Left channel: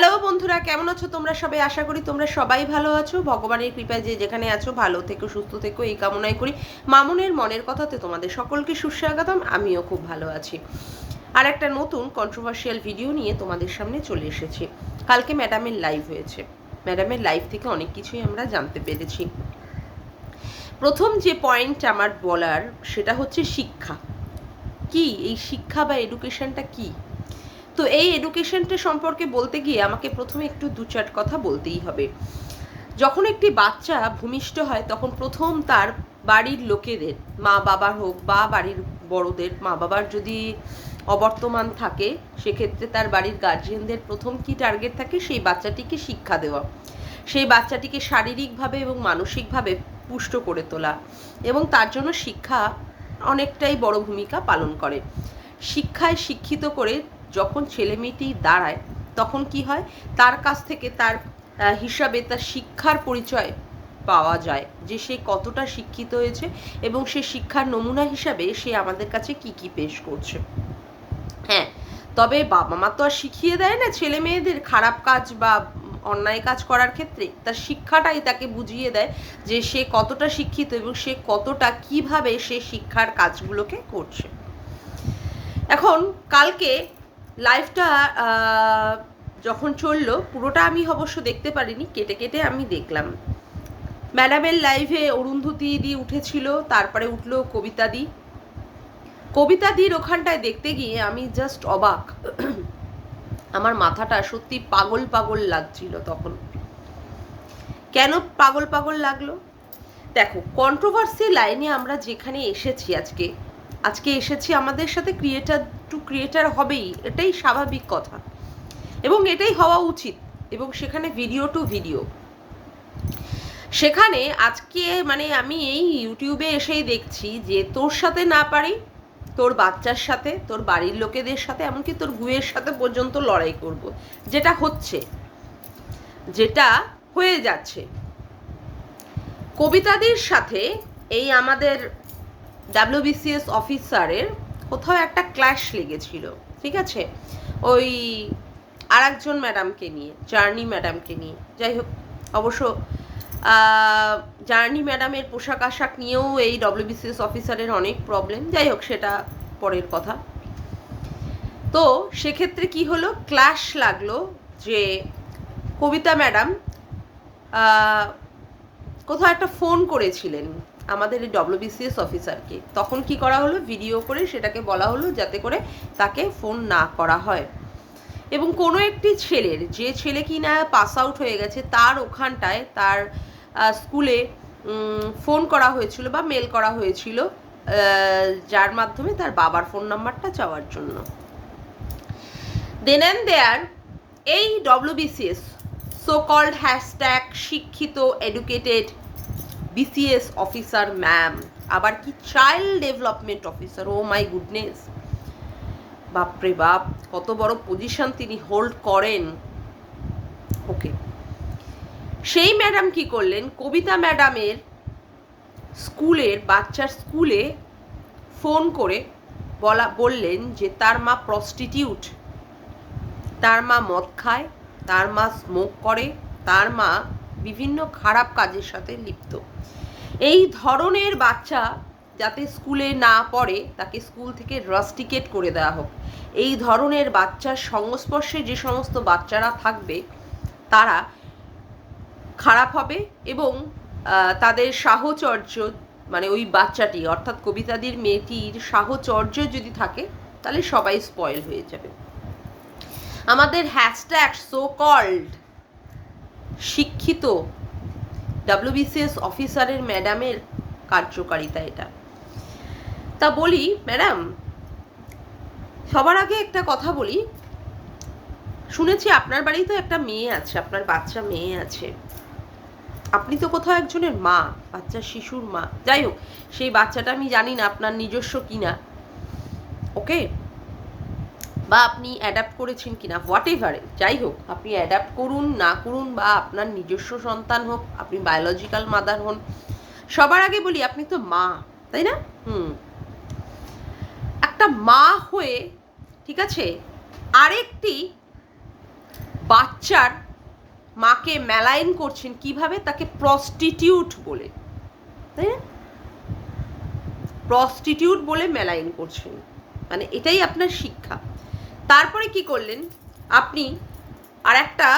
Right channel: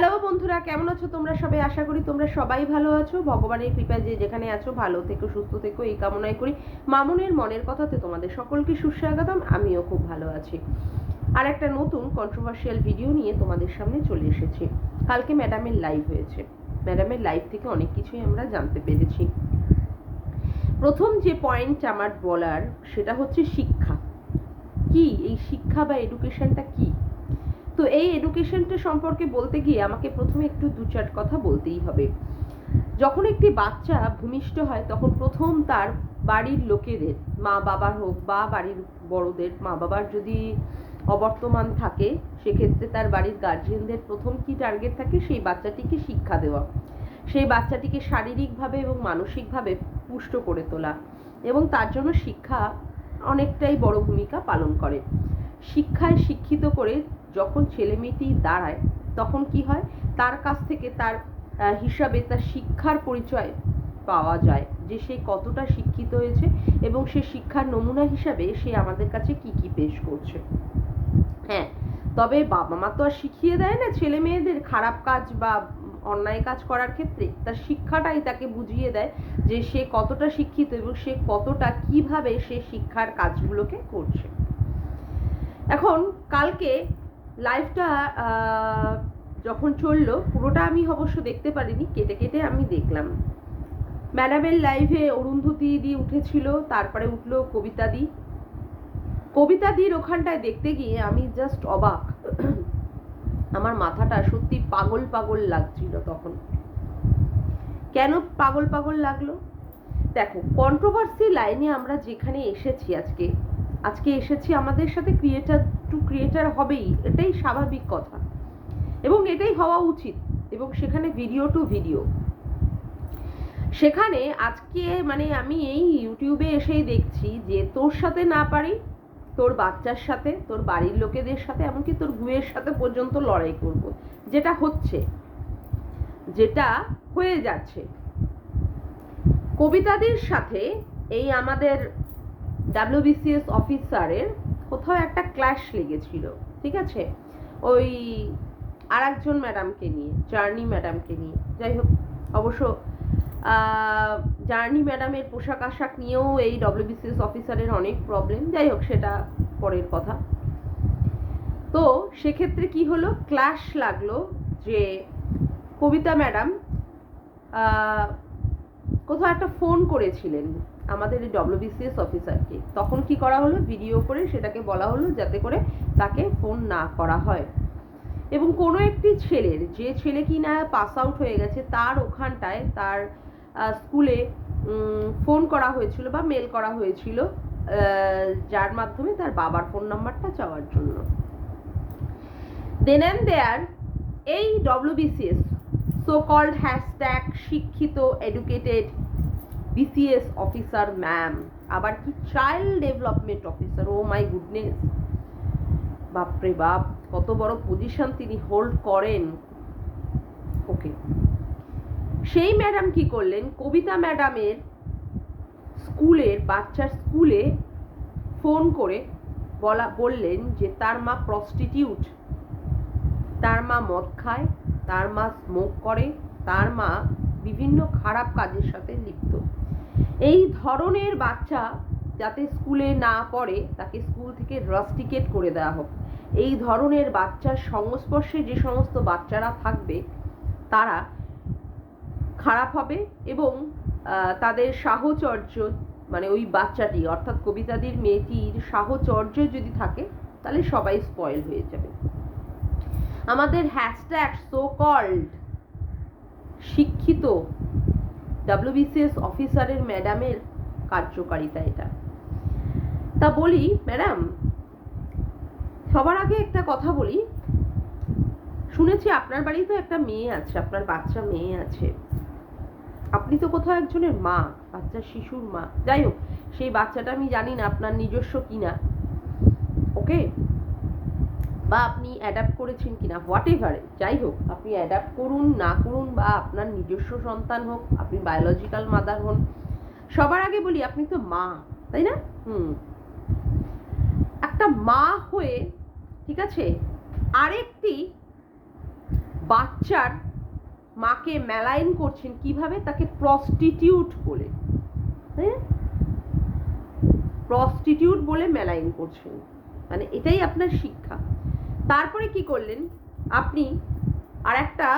Hello বন্ধুরা, কেমন আছো তোমরা সবাই? আশা করি তোমরা সবাই ভালো আছো। ভগবানের কৃপায় যে যেখানে আছো ভালো থেকো, সুস্থ থেকো, এই কামনাই করি। মামুনের মনের কথাতে তোমাদের সকলকে সুস্বাগতম। আমিও খুব ভালো আছি। আর একটা নতুন কন্ট্রোভার্সিয়াল ভিডিও নিয়ে তোমাদের সামনে চলে এসেছি। কালকে ম্যাডামের লাইভ হয়েছে। ম্যাডামের লাইভ থেকে অনেক কিছুই আমরা জানতে পেরেছি। প্রথম যে পয়েন্ট আমার বলার সেটা হচ্ছে শিক্ষা কি, এই শিক্ষা বা এডুকেশনটা কি। তো এই এডুকেশনটা সম্পর্কে বলতে গিয়ে আমাকে প্রথমে একটু দু চার কথা বলতেই হবে। যখন একটি বাচ্চা ভূমিষ্ঠ হয় তখন প্রথম তার বাড়ির লোকেদের, মা বাবার হোক বা বাড়ির বড়দের, মা বাবার যদি অবর্তমান থাকে সেক্ষেত্রে তার বাড়ির গার্জিয়ানদের প্রথম কি টার্গেট থাকে, সেই বাচ্চাটিকে শিক্ষা দেওয়া, সেই বাচ্চাটিকে শারীরিকভাবে এবং মানসিকভাবে পুষ্ট করে তোলা, এবং তার জন্য শিক্ষা অনেকটাই বড় ভূমিকা পালন করে। শিক্ষায় শিক্ষিত করে যখন ছেলে মেয়েটি দাঁড়ায় তখন কি হয়, তার কাছ থেকে তার হিসাবে তার শিক্ষার পরিচয় পাওয়া যায় যে সে কতটা শিক্ষিত হয়েছে এবং সে শিক্ষার নমুনা হিসাবে সে আমাদের কাছে কি কি পেশ করছে। হ্যাঁ, তবে বাবা মা তো আর শিখিয়ে দেয় না ছেলে মেয়েদের খারাপ কাজ বা অন্যায় কাজ করার ক্ষেত্রে, তার শিক্ষাটাই তাকে বুঝিয়ে দেয় যে সে কতটা শিক্ষিত এবং সে কতটা কিভাবে সে শিক্ষার কাজগুলোকে করছে। এখন কালকে লাইভটা যখন চললো, পুরোটা আমি অবশ্য দেখতে পারিনি, কেটে কেটে আমি দেখলাম। ম্যাডামের লাইভে অরুন্ধতী দি উঠেছিল, তারপরে উঠলো কবিতা দি। কবিতা দির ওখানটায় দেখতে গিয়ে আমি জাস্ট অবাক। আমার মাথাটা সত্যি পাগল পাগল লাগছিল তখন। কেন পাগল পাগল লাগলো? দেখো, কন্ট্রোভার্সি লাইনে আমরা যেখানে এসেছি আজকে এসেছি, আমাদের সাথে ক্রিয়েটার টু ক্রিয়েটার হবেই, এটাই স্বাভাবিক কথা এবং এটাই হওয়া উচিত। এবং সেখানে ভিডিও টু ভিডিও, সেখানে আজকে মানে আমি এই ইউটিউবে এসেই দেখছি যে তোর সাথে না পারি তোর বাচ্চার সাথে, তোর বাড়ির লোকেদের সাথে, এমনকি তোর গুয়ের সাথে পর্যন্ত লড়াই করব, যেটা হচ্ছে, যেটা হয়ে যাচ্ছে। কবিতাদের সাথে এই আমাদের WBCS অফিসারের কোথাও একটা ক্ল্যাশ লেগেছিল, ঠিক আছে, ওই আর একজন ম্যাডামকে নিয়ে, জার্নি ম্যাডামকে নিয়ে। যাই হোক, অবশ্য জার্নি ম্যাডামের পোশাক আশাক নিয়েও এই WBCS অফিসারের অনেক প্রবলেম। যাই হোক, সেটা পরের কথা। তো সেক্ষেত্রে কি হলো, ক্ল্যাশ লাগলো যে কবিতা ম্যাডাম কোথাও একটা ফোন করেছিলেন আমাদের এই WBCS অফিসারকে। তখন কি করা হলো, ভিডিও করে সেটাকে বলা হলো যাতে করে তাকে ফোন না করা হয়। এবং কোনো একটি ছেলের, যে ছেলে কি না পাস আউট হয়ে গেছে, তার ওখানটায় তার স্কুলে ফোন করা হয়েছিল বা মেল করা হয়েছিল, যার মাধ্যমে তার বাবার ফোন নাম্বারটা চাওয়ার জন্য। দেন অ্যান্ড দেয়ার এই WBCS সো কল্ড হ্যাশট্যাগ শিক্ষিত এডুকেটেড BCS অফিসার ম্যাম, আবার কি child development officer, oh my goodness, বাপরে বাপ, কত বড় পজিশন তিনি হোল্ড করেন। ওকে, সেই ম্যাডাম কি করলেন, কবিতা ম্যাডামের স্কুলের বাচ্চার স্কুলে ফোন করে বললেন যে তার মা প্রস্টিটিউট, তার মা মদ খায়, তার মা স্মোক করে, তার মা বিভিন্ন খারাপ কাজের সাথে লিপ্ত। এই ধরনের বাচ্চা যাতে স্কুলে না পড়ে তাকে স্কুল থেকে রাস্টিকেট করে দেওয়া হোক। এই ধরনের বাচ্চার সংস্পর্শে যে সমস্ত বাচ্চারা থাকবে তারা খারাপ হবে এবং তাদের সাহচর্য, মানে ওই বাচ্চাটি অর্থাৎ কবিতাদের মেয়েটির সাহচর্য যদি থাকে তাহলে সবাই স্পয়েল হয়ে যাবে। আমাদের হ্যাশট্যাগ সো কল্ড শিক্ষিত WBCS অফিসারের ম্যাডামের কার্যকারিতা এটা। তা বলি ম্যাডাম, সবার আগে একটা কথা বলি, শুনেছি আপনার বাড়িতে একটা মেয়ে আছে, আপনার বাচ্চা মেয়ে আছে, আপনি তো কোথাও একজনের মা, বাচ্চার শিশুর মা। যাই হোক, সেই বাচ্চাটা আমি জানি না আপনার নিজস্ব কিনা, ওকে, বা আপনি অ্যাডাপ্ট করেছেন কিনা, হোয়াট এভার, যাই হোক, আপনি অ্যাডাপ্ট করুন না করুন বা আপনার নিজস্ব সন্তান হোক, আপনি বায়োলজিক্যাল মাদার হন, সবার আগে বলি আপনি তো মা, তাই না? একটা মা হয়ে, ঠিক আছে, আরেকটি বাচ্চার মাকে মেলাইন করছেন কিভাবে? তাকে প্রস্টিটিউট বলে, তাই না? প্রস্টিটিউট বলে মেলাইন করছেন, মানে এটাই আপনার শিক্ষা। তারপরে কি করলেন আপনি? আর একটা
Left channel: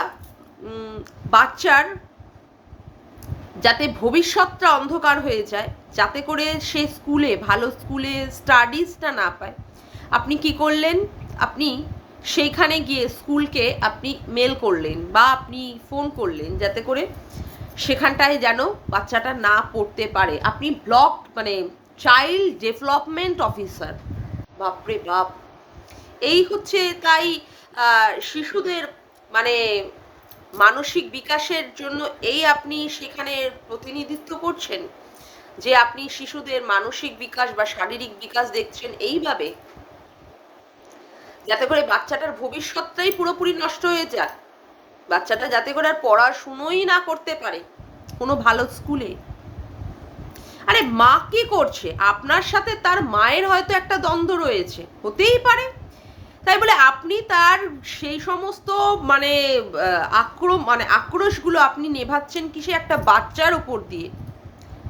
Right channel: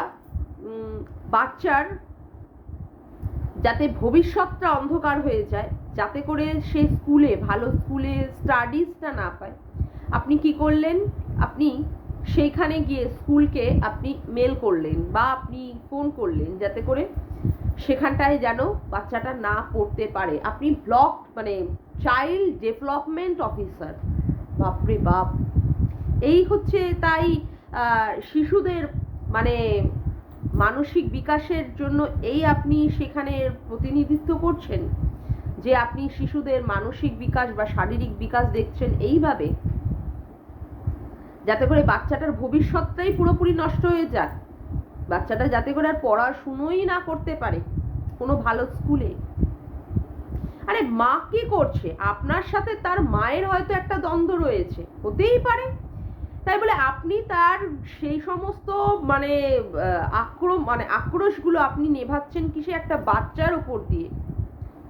বাচ্চার যাতে ভবিষ্যৎটা অন্ধকার হয়ে যায়, যাতে করে সে স্কুলে ভালো স্কুলে স্টাডিজটা না পায়, আপনি কি করলেন? আপনি সেইখানে গিয়ে স্কুলকে আপনি মেল করলেন বা আপনি ফোন করলেন যাতে করে সেখানটায় যেন বাচ্চাটা না পড়তে পারে। আপনি ব্লক মানে চাইল্ড ডেভেলপমেন্ট অফিসার, বাপরে বাপ! এই হচ্ছে তাই শিশুদের মানে মানসিক বিকাশের জন্য এই আপনি সেখানে প্রতিনিধিত্ব করছেন যে আপনি শিশুদের মানসিক বিকাশ বা শারীরিক বিকাশ দেখছেন এইভাবে, যাতে করে বাচ্চাটার ভবিষ্যৎটাই পুরোপুরি নষ্ট হয়ে যাক, বাচ্চাটা যাতে করে আর পড়াশুনোই না করতে পারে কোনো ভালো স্কুলে। আরে মা কি করছে? আপনার সাথে তার মায়ের হয়তো একটা দ্বন্দ্ব রয়েছে, হতেই পারে, তাই বলে আপনি তার সেই সমস্ত মানে আক্রোশগুলো আপনি নেভাচ্ছেন কি সে একটা বাচ্চার ওপর দিয়ে?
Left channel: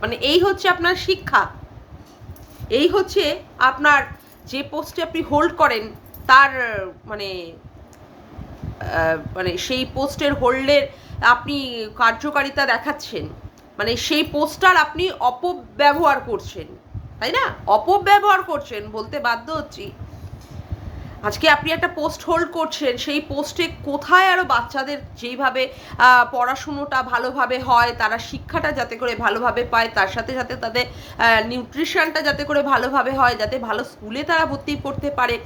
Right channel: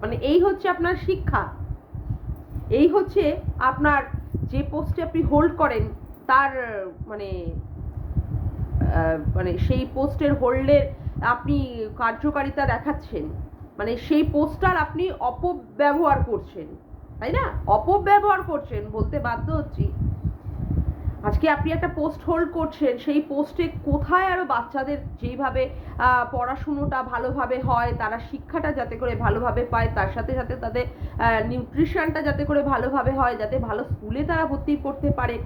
মানে এই হচ্ছে আপনার শিক্ষা, এই হচ্ছে আপনার যে পোস্টে আপনি হোল্ড করেন তার মানে মানে সেই পোস্টের হোল্ডের আপনি কার্যকারিতা দেখাচ্ছেন, মানে সেই পোস্টার আপনি অপব্যবহার করছেন, তাই না? অপব্যবহার করছেন বলতে বাধ্য হচ্ছি। আজকে আপনি একটা পোস্ট হোল্ড করছেন, সেই পোস্টে কোথায় আরও বাচ্চাদের যেইভাবে পড়াশুনোটা ভালোভাবে হয়, তারা শিক্ষাটা যাতে করে ভালোভাবে পায়, তার সাথে সাথে তাদের নিউট্রিশনটা যাতে করে ভালোভাবে হয়, যাতে ভালো স্কুলে তারা ভর্তি করতে পারে,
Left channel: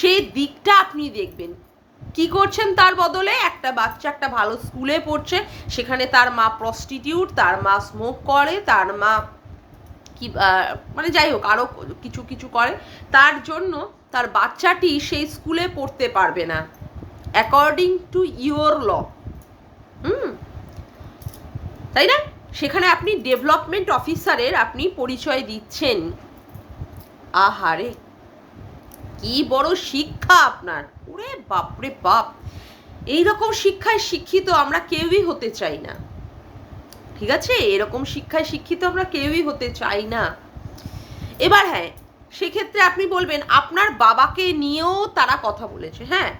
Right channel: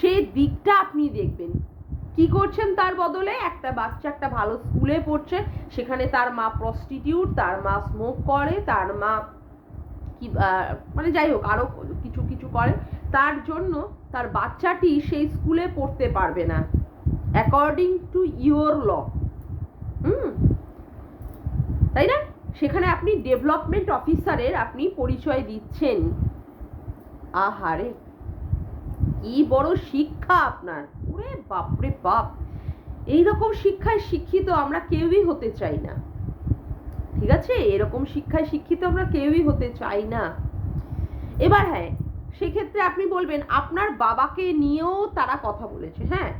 সেই দিকটা আপনি দেখবেন। কি করছেন তার বদলে? একটা বাচ্চা একটা ভালো স্কুলে পড়ছে, সেখানে তার মা প্রস্টিটিউট, তার মা স্মোক করে, তার মা কি মানে যাই হোক আরও কিছু কিছু করে, তার জন্য তার বাচ্চাটি সেই স্কুলে পড়তে পারবে না অ্যাকর্ডিং টু ইউর ল। তাই না? সেখানে আপনি ডেভেলপমেন্ট অফিসারের আপনি পরিচয় দিচ্ছেন। আহারে, কি বড় শিক্ষা আপনার! ওরে বাপরে বাপ! এইরকম শিক্ষায় শিক্ষিত আমরা কেউই হতে চাই না, ঠিক আছে? এরকম শিক্ষায় শিক্ষিত আমরা কেউই হতে চাই না। এবার হ্যাঁ, সেক্ষেত্রে আপনি বলবেন আপনার বাবাকে নিয়েও তারা কথা বলেছে। হ্যাঁ,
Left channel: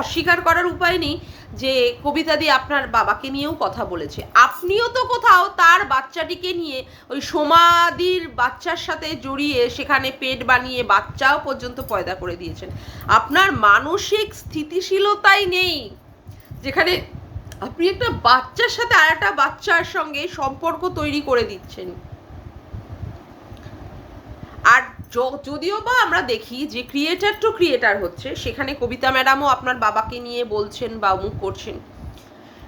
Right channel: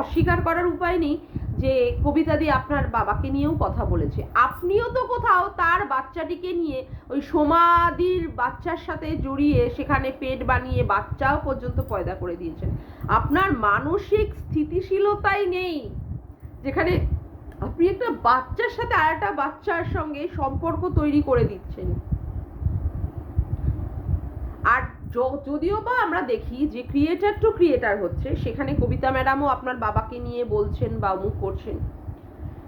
অস্বীকার করার উপায় নেই যে কবিতাদি আপনার বাবাকে নিয়েও কথা বলেছে। আপনিও তো কোথাও তার বাচ্চাটিকে নিয়ে ওই সমাধির বাচ্চার সাথে জড়িয়ে সেখানে পেট বানিয়ে বাচ্চাও পর্যন্ত পয়দা করে দিয়েছেন। আপনার মানসিক স্থিতিশীলতাই নেই, যেখানে আপনি একটা বাচ্চার সাথে আর একটা বাচ্চার সঙ্গে সম্পর্ক তৈরি করে দিচ্ছেন। আর যদিও বা আমরা দেখি যে ক্রিয়েটার টু ক্রিয়েটার হচ্ছে, সেখানে কবিতা ম্যাডামও আপনার বাবাকে নিয়ে বলছেন বা অমুক করছেন,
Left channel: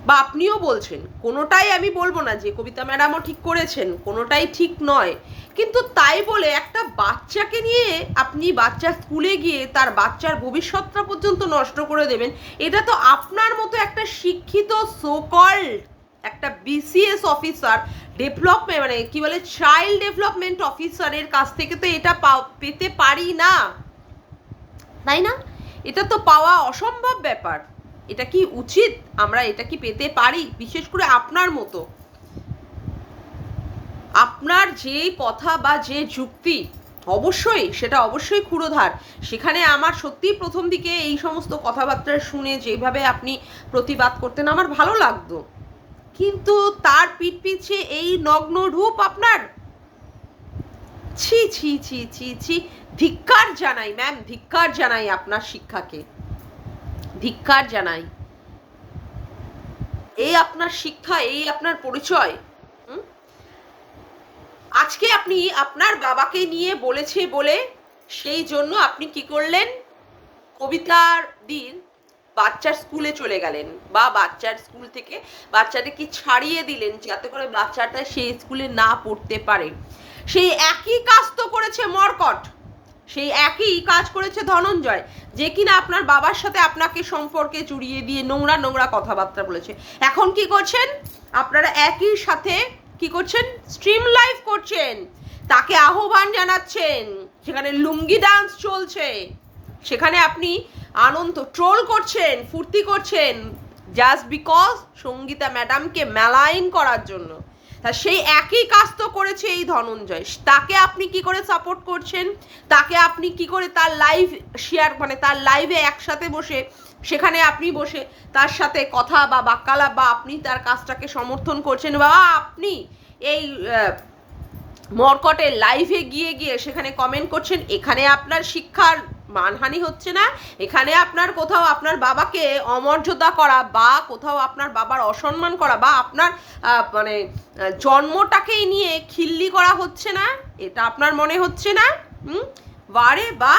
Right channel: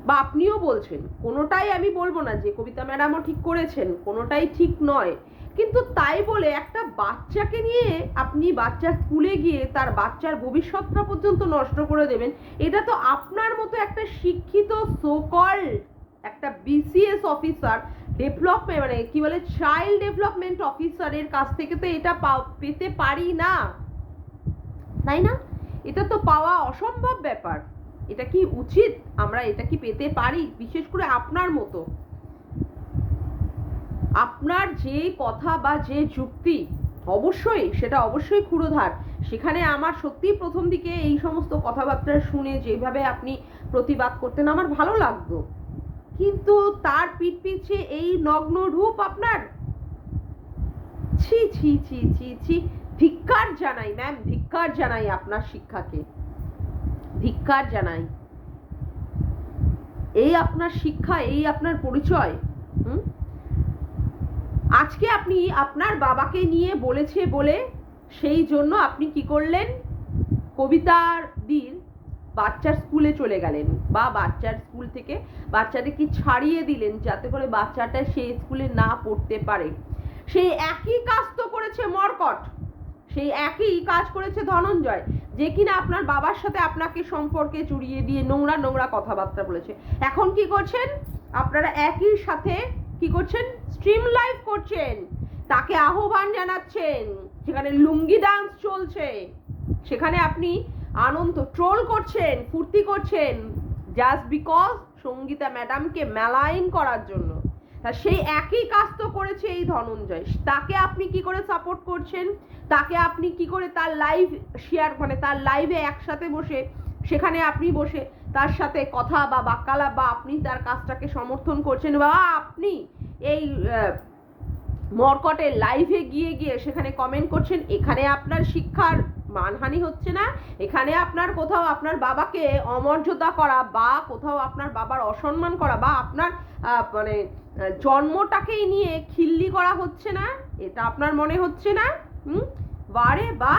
বা আপনিও বলছেন। কোনোটাই আমি বলবো না যে কবিতা ম্যাডামও ঠিক করেছেন, কোনোটাই ঠিক নয়, কিন্তু তাই বলে একটা বাচ্চাকে নিয়ে আপনি বাচ্চার স্কুলে গিয়ে তার বাচ্চার ভবিষ্যৎটা পর্যন্ত নষ্ট করে দেবেন, এটা তো আপনার মতো একটা শিক্ষিত সোকল্ড একটা বিসিএস অফিসার, ডেভেলপমেন্ট মানে কি বলে চাইল্ড ডেভেলপমেন্ট অফিসারের কাছ থেকে তো এটা পেতে পারি না, তাই না? এটা তো পাওয়া অসম্ভব ব্যাপার। এটা কি উচিত? আমরা এটা কি পেতে পারি? বিশেষ করে আপনার মতো, আপনার যে কথা বা যে যুক্তি, অবশ্যই সেটা অবশ্যই ক্ষুরোধার। সেখানে আমার সত্যিই প্রথম দিকে এই সমস্ত কথাবার্তা শুনে যেভাবে আপনি প্রতিবাদ করতেন আমার ভালো লাগতো, কিন্তু তার পিঠ পিছে এই নগ্ন রূপ আপনার, ছি ছি ছি ছি ছি! ধিক্কার জানাই ম্যাম, ধিক্কার জানাই আপনার শিক্ষাকে, ধিক্কার জানাই। এই আপনার শিক্ষা, এই আপনার পরিচয়। আজকে আপনি আপনার বাবাকে নিয়ে বলেছে বলে সেই জন্য আপনি কি করলেন? কবিতার দিন বাচ্চার স্কুলে চলে গেলেন, বা বাচ্চার স্কুল থেকে বাচ্চাটাকে ছাড়িয়ে দিলেন যাতে করে বাচ্চাটা সেই স্কুলে না পড়তে পারে। সেই একই কাজ তো করেছে মর্কট, সেই একই কাজ করেছে ধনঞ্জয়, যে কিনা আপনার বাবার সাথে আপনাকে সম্পর্কে জড়িয়ে দিয়ে নোংরা নোংরা কথাবার্তা বলেছে। এখন কি করছেন আপনারা? একই সাথে কি করছেন? স্ট্রিম লাইভ করছেন, তাকে আহ্বান জানাচ্ছেন, সেখানে লুঙ্গি ডান্স চলছে, সেখানে আপনি আনন্দ ট্রোল করছেন, ফুর্তি করছেন, জাস্ট বিকজ সঙ্গীতা ম্যাডামকে মেলাইন করার জন্য। তা সেই একই কাজ তো করেছে এই ধনঞ্জয়। তাকে আপনি কি করে সাপোর্ট করছেন? তাকে আপনি কি করে তার লাইভ শেয়ার, মানে তার লাইভে একসাথে বসে, সেখানে আপনি বসে তার সাথে কথা বা বাক্যালাপ, বা আপনি তার কাজটাকে সমর্থন করছেন, বা আপনি এই মর্কটের লাইভে গিয়ে সেখানে কমেন্ট করছেন। এখানে আপনার শিক্ষার মানহানি হচ্ছে না, এখানে আপনার কোথাও আপনার বাবাকে অমর্যাদা করা, বা কোথাও আপনার বাবার অসম্মান করা, বা আপনার মানে জন্মটাকেই নিয়ে খিল্লি করা হচ্ছে না, এটা আপনার মনে হচ্ছে না? বারে বা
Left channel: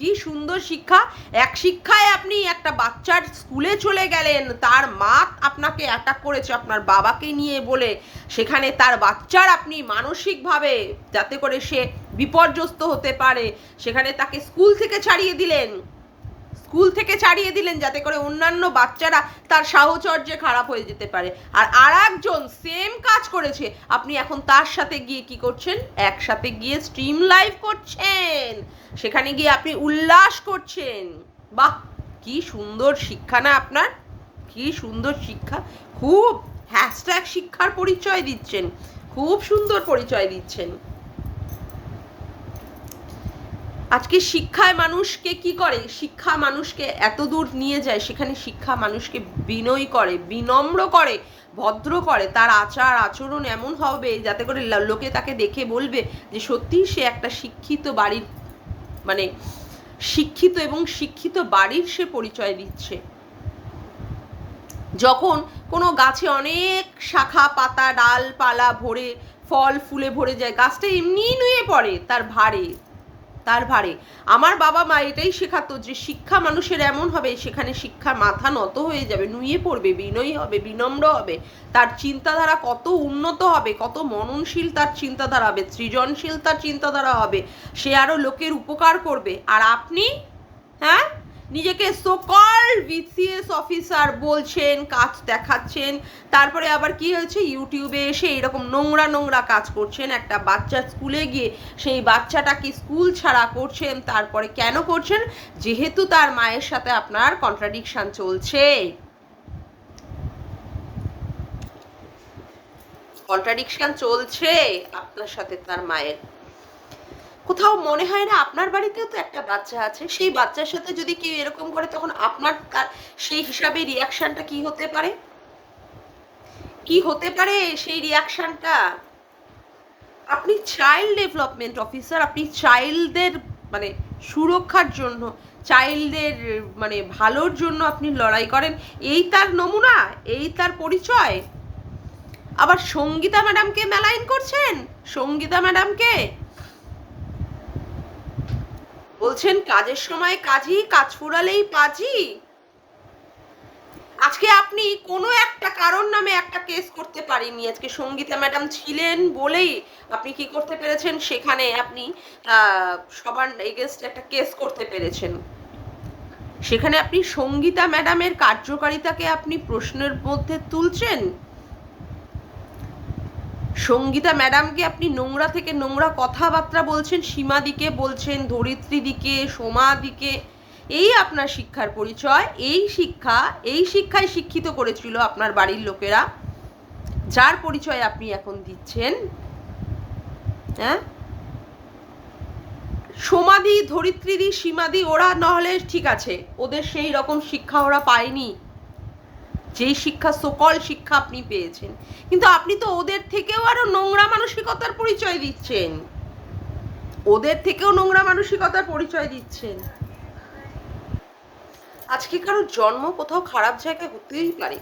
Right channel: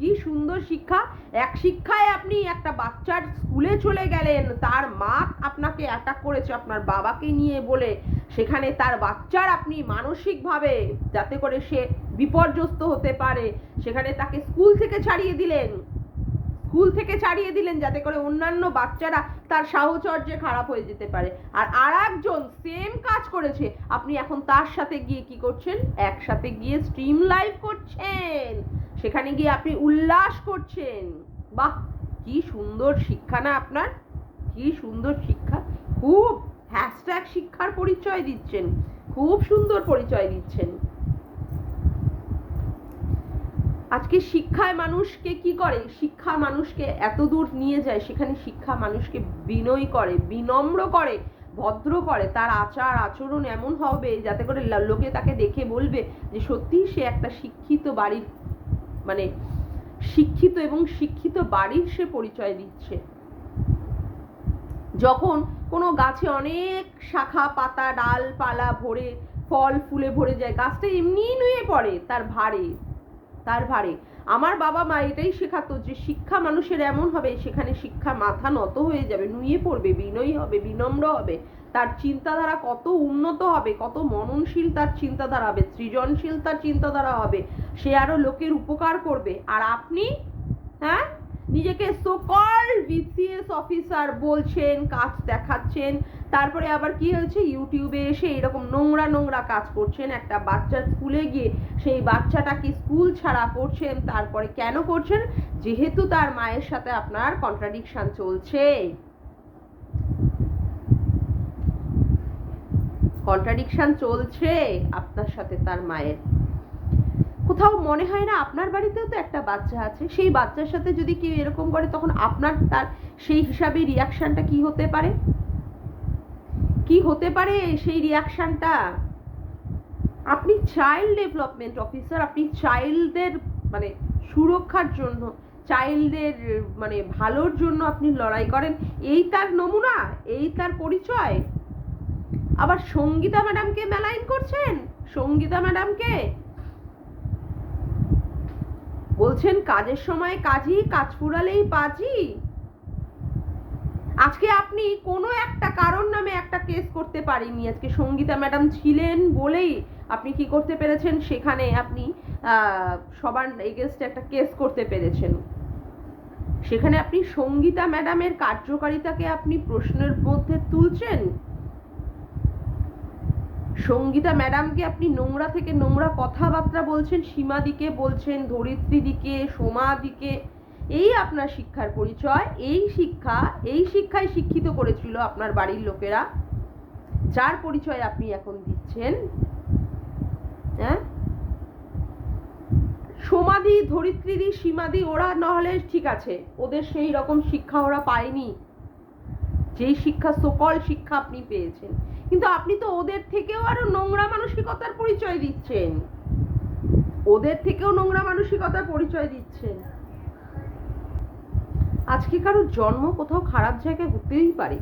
কি সুন্দর শিক্ষা! এক শিক্ষায় আপনি একটা বাচ্চার স্কুলে চলে গেলেন, তার মা আপনাকে অ্যাটাক করেছে আপনার বাবাকে নিয়ে বলে, সেখানে তার বাচ্চার আপনি মানসিকভাবে যাতে করে সে বিপর্যস্ত হতে পারে, সেখানে তাকে স্কুল থেকে ছাড়িয়ে দিলেন যাতে করে অন্যান্য বাচ্চারা তার সাহচর্যে খারাপ হয়ে যেতে পারে। আর একজন সেম কাজ করেছে, আপনি এখন তার সাথে গিয়ে কি করছেন? একসাথে গিয়ে স্ট্রিম লাইভ করছেন, সেখানে গিয়ে আপনি উল্লাস করছেন। বাহ, কি সুন্দর শিক্ষা না আপনার, কি সুন্দর শিক্ষা! খুব হ্যাশট্যাগ শিক্ষার পরিচয় দিচ্ছেন, খুব সুন্দর পরিচয় দিচ্ছেন। আজকে শিক্ষায় মানুষকে কি করে? শিক্ষা মানুষকে এত দূর নিয়ে যায়, সেখানে শিক্ষা মানুষকে বিনয়ী করে, বিনম্র করে, ভদ্র করে। তার আচার আচরণ এমন হবে যাতে করে লোকে তাকে দেখে বলবে যে সত্যিই সে একটা শিক্ষিত বাড়ির, মানে শিক্ষিত এবং শিক্ষিত বাড়ির সে পরিচয় দিচ্ছে। যখন কোনো গাছে অনেক শাখা পাতা ডালপালা ভরে ফল ফুলে ভরে যায়, গাছটা এমনিই নুয়ে পড়ে তার ভারে। আমার বাবা মা এটাই শেখাতো যে শিক্ষা মানুষের এমন হবে, সেখানে শিক্ষা মাথা নত হয়ে যাবে, নুয়ে পড়বে, বিনয়ী হবে, বিনম্র হবে, তার চিন্তাধারা কত উন্নত হবে, কত মননশীল তার চিন্তাধারা হবে, সৃজনশীল তার চিন্তাধারা হবে, সে আরো লোকের উপকার করবে। আর আপনি নিজেকে সোকল্ড বিসিএস অফিসার বলছেন, কাজ দেখাচ্ছেন, তারপরে আবার কি হয়েছে, ইউটিউবে এসে এরকম নোংরা কাজ করছেন। একটা বাচ্চা স্কুলে গিয়ে সেই বাচ্চাটাকে স্কুল ছাড়া করছেন। তারপরে কেন করছেন? যেহেতু তার মায়ের সাথে আপনার কন্ট্রাডিকশন চলছে আপনার সাথে তার মায়ের। কোথাও মনে হয় না আপনার বাড়িতেও তো একটা বাচ্চা আছে, সেই বাচ্চার সাথে যদি কেউ এরকম করে, তখন আপনার তার সেই হিসাবে রিয়াকশনটা কি হতে পারে সেই রিয়াকশনটা? আপনি চাইল্ড ডেভেলপমেন্ট অফিসার, আপনি চাইল্ডদের মানে সুরক্ষার জন্য, চাইল্ডদের মানে ভালোর জন্য আপনি লড়াই করেন, এই তার নমুনা, এই তার পরিচয়। আবার সঙ্গীতা ম্যাডামকে মেলাইন করছেন, সঙ্গীতা ম্যাডামকে বলছেন কাজের সময় কাজই, কাজ ফুরালেই পাজি। আজকে আপনি কোনো একটা কারণ নামে একটা কেস করতে পারেননি, আজকে সঙ্গীতা ম্যাডাম ছিলেন বলেই আপনি কি করতে পেরেছেন, সেখানে আপনি সবার এগেনস্টে একটা কেস করতে পেরেছেন। সেখানে আপনি সঙ্গীতা ম্যাডামের কার্যকারিতাকে আপনি প্রশ্নের মধ্যে তুলছেন। সঙ্গীতা ম্যাডামকে আপনি নোংরা থেকে নোংরা কথাবার্তা বলছেন, সীমাদিকে বলছেন, ধরিত্রীদিকে, সোমাদিকে। এই আপনার শিক্ষার পরিচয়। এই শিক্ষায় শিক্ষিত করেছিল আপনার বাড়ির লোকেরা, যার পরিচয় আপনি এখন দিচ্ছেন। সোমাদি, ধরিত্রীদি, সীমাদি ওরা নহলে ঠিক আছে, ওদের সেই রকম শিক্ষা ওরা পায়নি, যেই শিক্ষা সকল শিক্ষা আপনি পেয়েছেন। কিন্তু আপনি তো ওদের থেকেও আরো নোংরা মানসিকতার পরিচয় দিচ্ছেন, আজকে কারোর জন্ম কোথাও খারাপ জায়গায় হতেই পারে,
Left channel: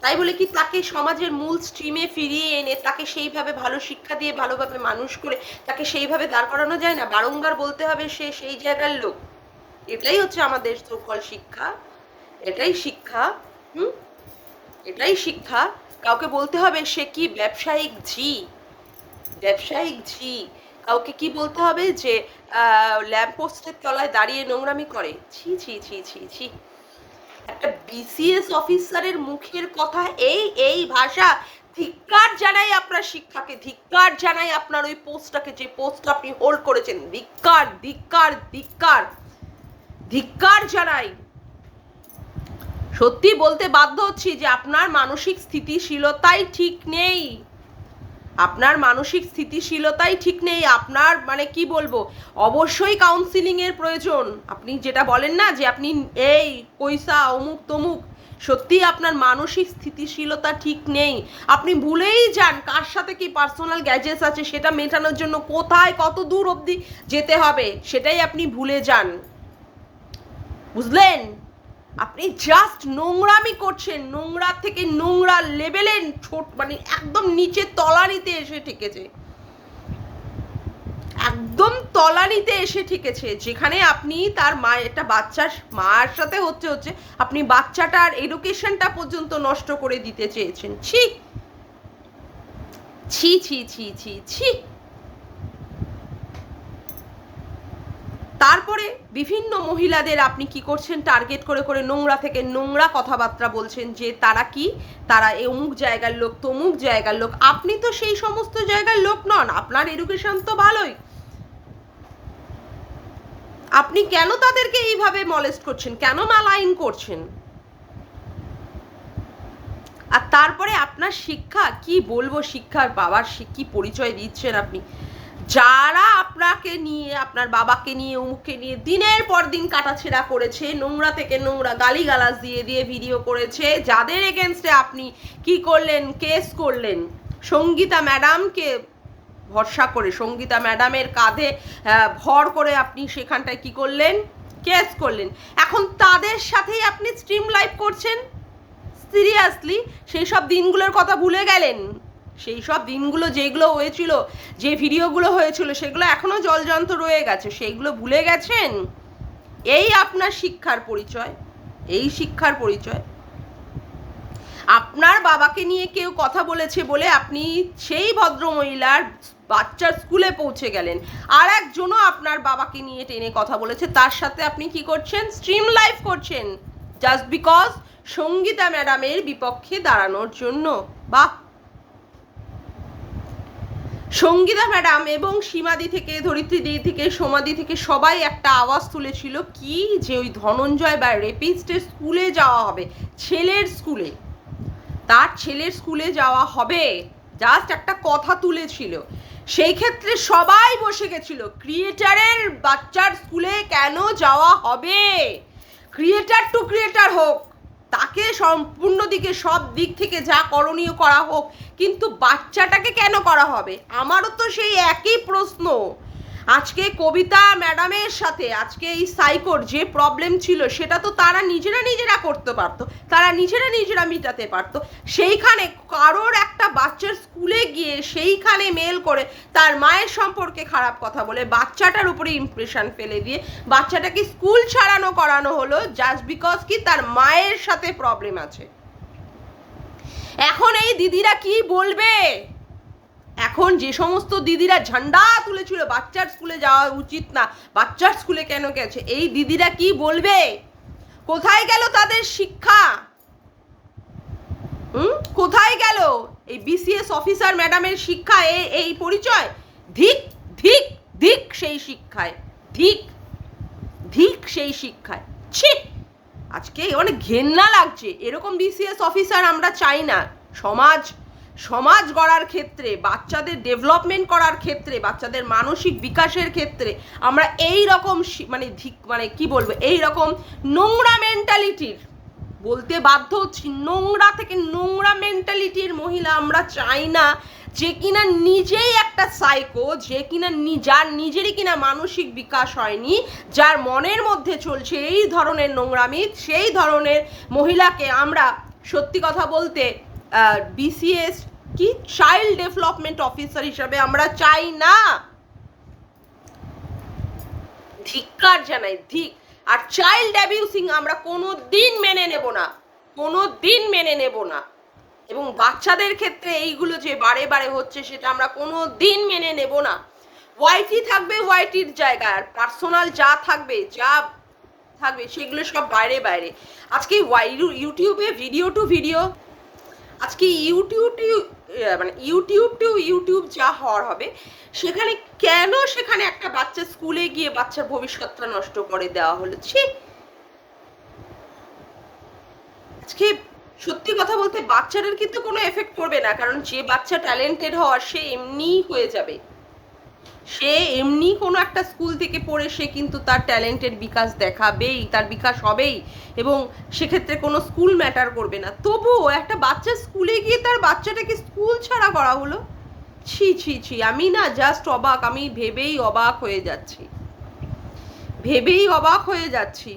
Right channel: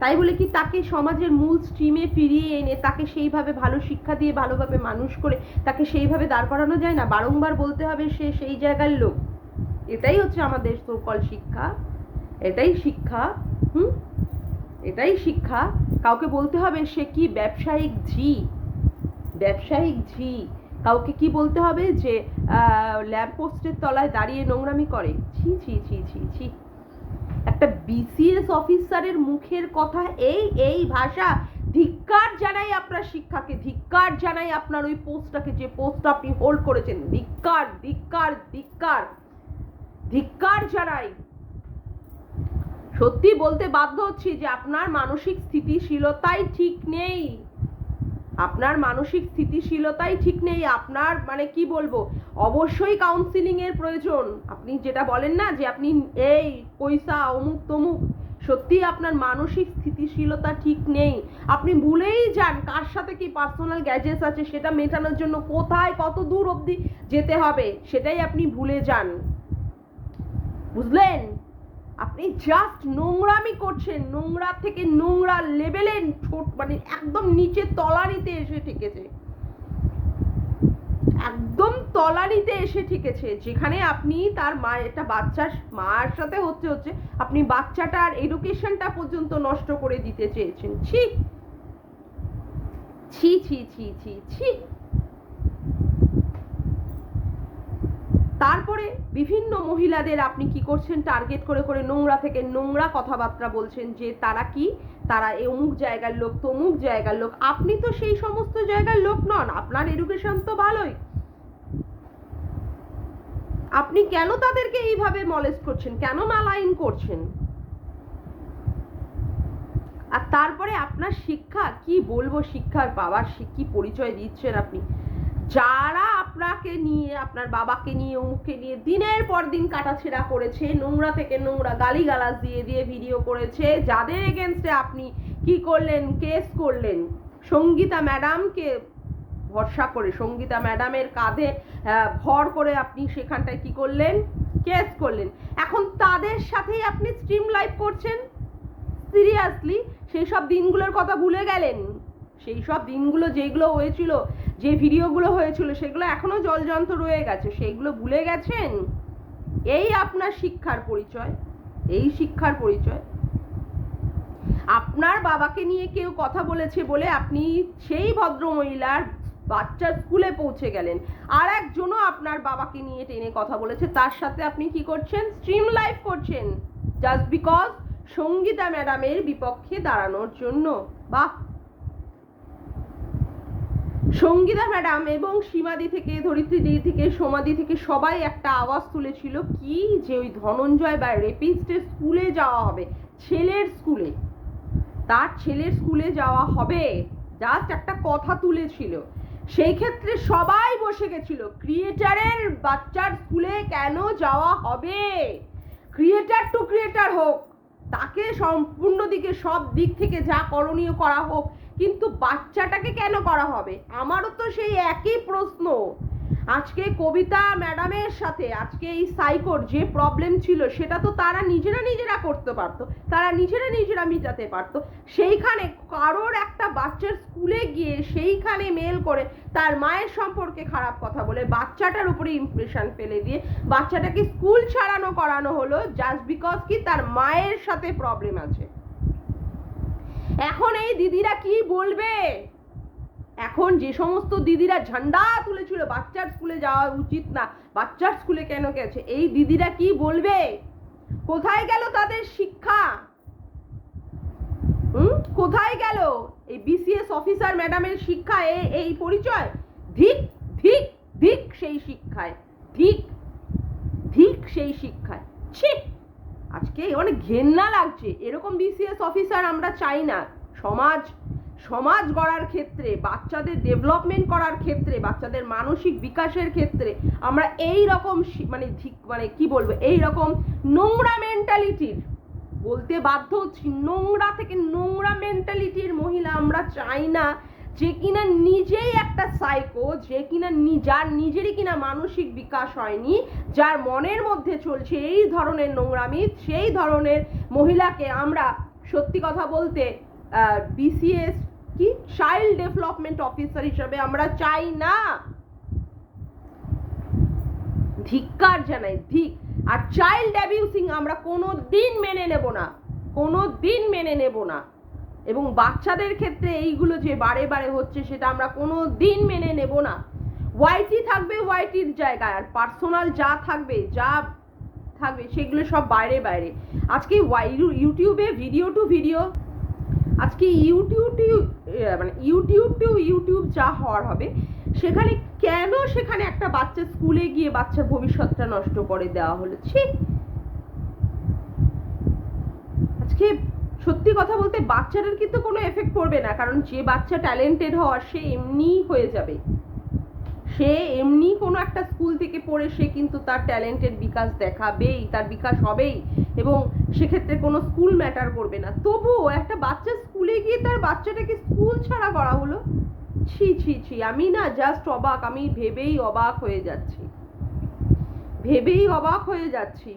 তাই বলে কি তাকে সমাজের মূল স্ট্রিমে ফিরিয়ে এনে তাকে সেইভাবে ভালো শিক্ষা দিয়ে ভালোভাবে মানুষ করে তাকে সেইভাবে দাঁড় করানো যায় না? বারংবার বলতে হবে সে সেই জায়গার লোক। এটাই হচ্ছে আমাদের সকল শিক্ষা, এটাই শিক্ষা। কাউকে বলতে হবে সে কি ব্যবসায়িক ঝি, কাউকে কি বলতে হবে যে ল্যাম্পপোস্টের তলায় দাঁড়িয়ে নোংরামি করে। ছি ছি ছি ছি ছি, একটা বিসিএস অফিসারের মুখের কথা এই ভাষা! ধিক্কার জানাই আপনার শিক্ষাকে, ধিক্কার জানাই আপনার ওই পোস্টটাকে, যে পোস্টটা আপনি হোল্ড করেছেন। ধিক্কার ধিক্কার ধিক্কার ধিক্কার জানাই। সত্যি বলতে বাধ্য হচ্ছি যে আপনার মানসিক স্থিতিশীলতাই ঠিক নেই, আপনার মানসিক স্থিতিশীলতাই ঠিক নেই। আপনার মানে কি বলবো, অবশ্যই কাউন্সিলিং এর প্রয়োজন। আপনি যেটা বলেন না যে আপনি এই পয়সা অমুক তমুক, সত্যি আপনার মানসিক স্থিতিশীলতা ঠিক নেই। আপনি ভুলেই যান কার সাথে কি পার্সোনাল গ্যাজেটস আছে, সেটা মেটানোর জন্য কোথায় কত দূর অবধি যেতে হবে সেটাই আপনি ভুলে যান, বুঝলেন? আপনি জাস্ট নোংরামি করছেন, নোংরা থেকে নোংরা লেভেলে ছোট মানে একদম নিচে তলানিতে এসে ঠেকেছে, একদম তলানিতে এসে ঠেকেছে, যেখানে আপনি তার মা একটা বাচ্চার মার সাথে হচ্ছে আপনি বাচ্চাটার এডুকেশনটা পর্যন্ত নষ্ট করে দিতে চেয়েছেন। ছি ছি ছি ছি ছি ছি। তারপরে বিভিন্ন মহিলাদের আপনি কি করছেন, টার্গেট করে করে নোংরা থেকে নোংরা কথাবার্তা বলছেন যে তারা কি, তারা অমুক জায়গার লোক তমুক জায়গার লোক। আপনি তো সেই সমস্ত জায়গার লোক নন, আপনার এডুকেশন তো ভালোই, আপনি কেন তাদেরকে এইভাবে মলেস্ট করছেন, কেন মালাইন করছেন? আর তারপরে আপনার শিক্ষা কি বলবো, শিক্ষার বাবার কি পরিচয় দিচ্ছেন আপনি? যারা আপনাকে নিয়ে, আপনার বাবাকে নিয়ে, অমুককে নিয়ে দিনের পর দিন কাটাছেড়া করেছে, নোংরা থেকে নোংরা গালিগালাজ দিয়ে দিয়ে ভিডিও করেছে, যাদের এগেনস্টে আপনি কি করলেন, কেস করলেন, সঙ্গীতা ম্যাডামকে ভরসা করে, সঙ্গীতা ম্যাডামের কাঁধে ভর করে আপনি সেখানটায় কি করলেন, কেস করলেন। এখন তাদের সাথেই আপনি স্ট্রিম লাইভ করছেন। সিরিয়াসলি সেই সব দিনগুলোর কথা ভুলে গেলেন? সেই সব দিনগুলো যেগুলো হয়েছিল, যে ভিডিওগুলো হয়েছিল, সেগুলো এখনো জলজন্ত রয়ে গেছে, সেইগুলো ভুলে গেছেন? এই আপনার শিক্ষার পরিচয়, এই শিক্ষার পরিচয়। আপনার বাবাকে নিয়ে কেউ কথা বলেছে বলে আপনি সেই ভদ্রমহিলার বাচ্চার স্কুলে পৌঁছে গেলেন, আর একজনও আপনার বাবাকে নিয়ে টেনে কথা বলেছে, তার সাথে আপনি কি করছেন, স্ট্রিম লাইভ করছেন, জাস্ট বিকজ সঙ্গীতা ম্যাডামের বিপক্ষে দাঁড়ানোর জন্য। বাহ! সঙ্গীতা ম্যাডাম এবং সীমাদি থেকে, ধরিত্রী দি থেকে, সোমাদি থেকে সবাই একটা আওয়াজ তুলেছিল কি, যে ওই ধনঞ্জয় বা রেপিস্টের স্কুলে যাওয়া হবে, ছেলের স্কুলে, তার ছেলের স্কুলে যাওয়া হবে, জাস্ট একটা কথা তুলেছিল। সেই ক্ষেত্রে সবাই বসে গেছিল, ক্রিয়েটারের বাচ্চার স্কুলে কেন যাওয়া হবে? ক্রিয়েটার টু ক্রিয়েটার হোক, তাকে সম্পূর্ণ দিকে সব দিক থেকে যা করণীয় করা হোক, কিন্তু বাচ্চাটাকে কেন করা হবে? আমারও তো সেই একই প্রশ্ন। আজকে কবিতা ম্যাডামের সাথে আজকে এই সাইকোর যে প্রবলেম ছিল, সেটা তো তারা নিজেরা করতে পারতো, তারা নিজেরা মিটাতে পারতো। সেইখানে কারোর একটা বাচ্চার স্কুলে গিয়ে সেইখানে মেল করে তার মায়ের সম্পর্কে খারাপ কথা বলে বাচ্চাটার উপরে ইমপ্রেশন ফেলে দিয়ে বাচ্চাটাকে স্কুল ছাড়ানো করানো হলো, জাস্ট বিকজ কি তার মায়ের সাথে প্রবলেম আছে। এখন এই দিদিরা কি বলবে? এখন যে সমস্ত দিদিরা ঝান্ডা তুলেছিল বাচ্চার স্কুলে যাওয়া উচিত না, বাচ্চার স্কুলে কেন গেছে, এই দিদিরা কি বলবে? কোথায় গেল তাদের শিক্ষা? কোথায় গেল এই বিসিএস অফিসার ম্যাডামের শিক্ষা? এই পরিচয়? ধিক ধিক ধিক সেই শিক্ষায়, ধিক ধিক সেই শিক্ষায়। ছি, আজকে অনেক ঘেন্না লাগছে। এরকম বিসিএস অফিসার আমরা চাই না। সমাজ গড়ার ক্ষেত্রে, বাচ্চাদের ডেভেলপমেন্ট করার ক্ষেত্রে, বাচ্চাদের মানসিক বিকাশের ক্ষেত্রে আমরা এই রকম মানে কি বলবো, এই রকম নোংরা মেন্টালিটির, বলতে বাধ্য হচ্ছি, নোংরা থেকে নোংরা মেন্টালিটির মহিলা আমরা চাই না, যে কিনা নিজেই একটা সাইকো, যে কিনা যার নিজেরই কিনা মানসিক বিকাশ হয়নি, যার মনের মধ্যে চলছে এই ধরনের নোংরামি, সেই ধরনের মহিলাকে আমরা সত্যি কথা বলতে বিসিএস কি চাইল্ড ডেভেলপমেন্ট অফিসার হিসাবে আমরা চাই না। ধিক্কার জানাই, ধিক। আর চাইল্ড অ্যাবিউসিং আমরা কোনো দিন মেনে নেব না, কোনো দিন মেনে নেব না। এবং বাচ্চাদের ক্ষেত্রে এইগুলো যে বারে বারে হচ্ছে, সেটা আমরা কোনো দিন মেনে নেব না। ওয়াইটি থাকবে ওয়াইটির জায়গায়, আর পার্সোনাল যা থাকবে সেগুলো সব বাইরে বাইরে। আজকে ইউটিউবে ভিডিও টু ভিডিও, আজকে ইউটিউব টু ইউটিউব যা হওয়ার হবে, সেখানে একটা বাচ্চা স্কুলে গিয়ে বাচ্চার ভবিষ্যৎটা নষ্ট করে দেওয়া হলো। ছি, আজকে সত্যি কথা বলতে বাচ্চাদের কিন্তু কোনো এফেক্ট পড়বে না, কারণ যে বাচ্চা ট্যালেন্টেড হওয়ার সে এমনিই হয়ে যাবে, সে এমনি কোনো একটা স্কুল থেকে পড়ে সে কিন্তু তার ট্যালেন্টের বিকাশ দেখাবেই, তার বিকাশ হবেই, এবং সেক্ষেত্রে কোনো স্কুল ম্যাটার করবে না। তবুও একটা বাচ্চা স্কুলে গিয়ে তার বাচ্চাটাকে স্কুল ছাড়া করা হলো, ছি ছি ছি, আমি না জাস্ট অবাক, আমি ভেবেই অবাক হয়ে যাচ্ছি, ভেবেই অবাক হয়ে যাচ্ছি।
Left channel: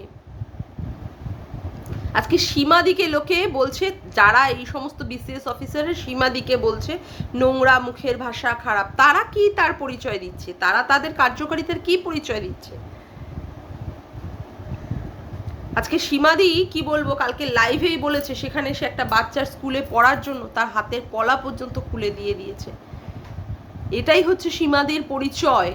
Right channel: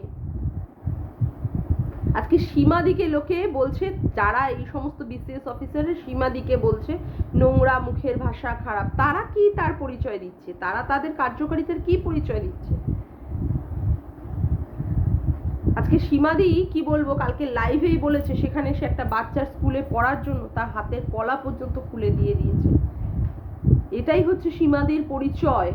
আজকে সীমাদিকে লোকে বলছে, যারা এই সমস্ত বিসিএস অফিসারের সীমাদিকে বলছে নোংরা মুখের ভাষা, খারাপ, তারা কি তার পরিচয় দিচ্ছে, তারা তাদের কার্যকারিতার কি পরিচয় দিচ্ছে? আজকে সীমাদি কি বলবো, কালকে লাইভেই বলেছে সেখানে সে একটা বাচ্চার স্কুলে পড়ার জন্য তার হাতের পলা পর্যন্ত খুলে দিয়ে দিয়েছে। এটাই হচ্ছে সীমাদির পরিচয়।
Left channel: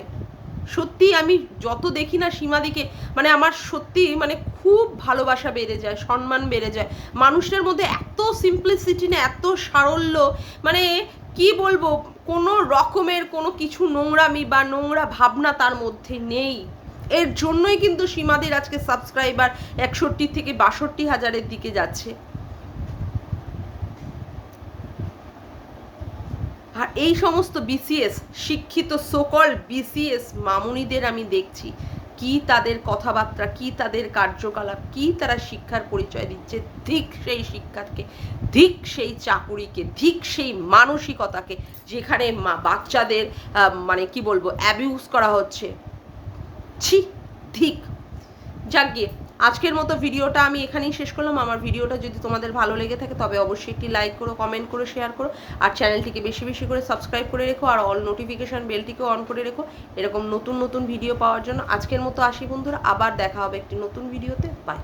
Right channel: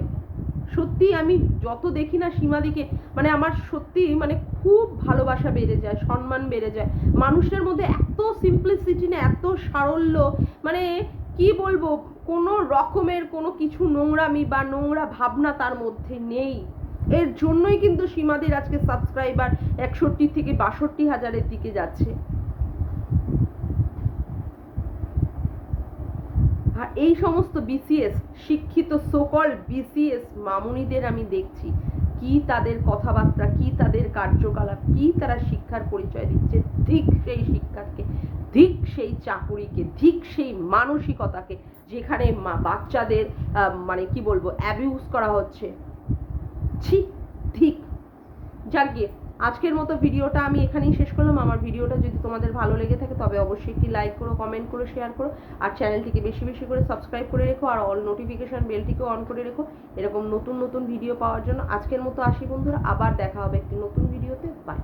সত্যি আমি যত দেখি না সীমাদিকে, মানে আমার সত্যি মানে খুব ভালোবাসা বেড়ে যায়, সম্মান বেড়ে যায়। মানুষের মধ্যে এত সিম্পলিসিটি না, এত সারল্য, মানে কি বলবো, কোনো রকমের কোনো কিছু নোংরামি বা নোংরা ভাবনা তার মধ্যে নেই। এর জন্যই কিন্তু সীমাদির আজকে সাবস্ক্রাইবার 61 থেকে 62,000-এর দিকে যাচ্ছে। আর এই সমস্ত বিসিএস শিক্ষিত সোকল বিসিএস মামুনিদের আমি দেখছি কি তাদের কথাবার্তা, কি তাদের কার্যকলাপ, কি তারা শিক্ষার পরিচয় দিচ্ছে। ঠিক সেই শিক্ষাকে, ঠিক সেই চাকুরিকে, ঠিক সেই মানসিকতাকে, যেখানে বাচ্চাদের মানে কি বলবো অ্যাবিউজ করা হচ্ছে। ছি, ঠিক। যাক গিয়ে আজকের মতো ভিডিওটা আমি এখানেই শেষ করলাম। আমার ভিডিওটা যদি তোমাদের ভালো লেগে থাকে তবে অবশ্যই একটি লাইক করো, কমেন্ট করো, শেয়ার করো, আর চ্যানেলটিকে বেশি বেশি করে সাবস্ক্রাইব করে রেখো, আর অল নোটিফিকেশান বেলটিকেও অন করে রেখো এরকম নতুন নতুন ভিডিও পাওয়ার জন্য। আজকের মতো আসি বন্ধুরা, আবার দেখা হবে একটি নতুন ভিডিওতে। বাই।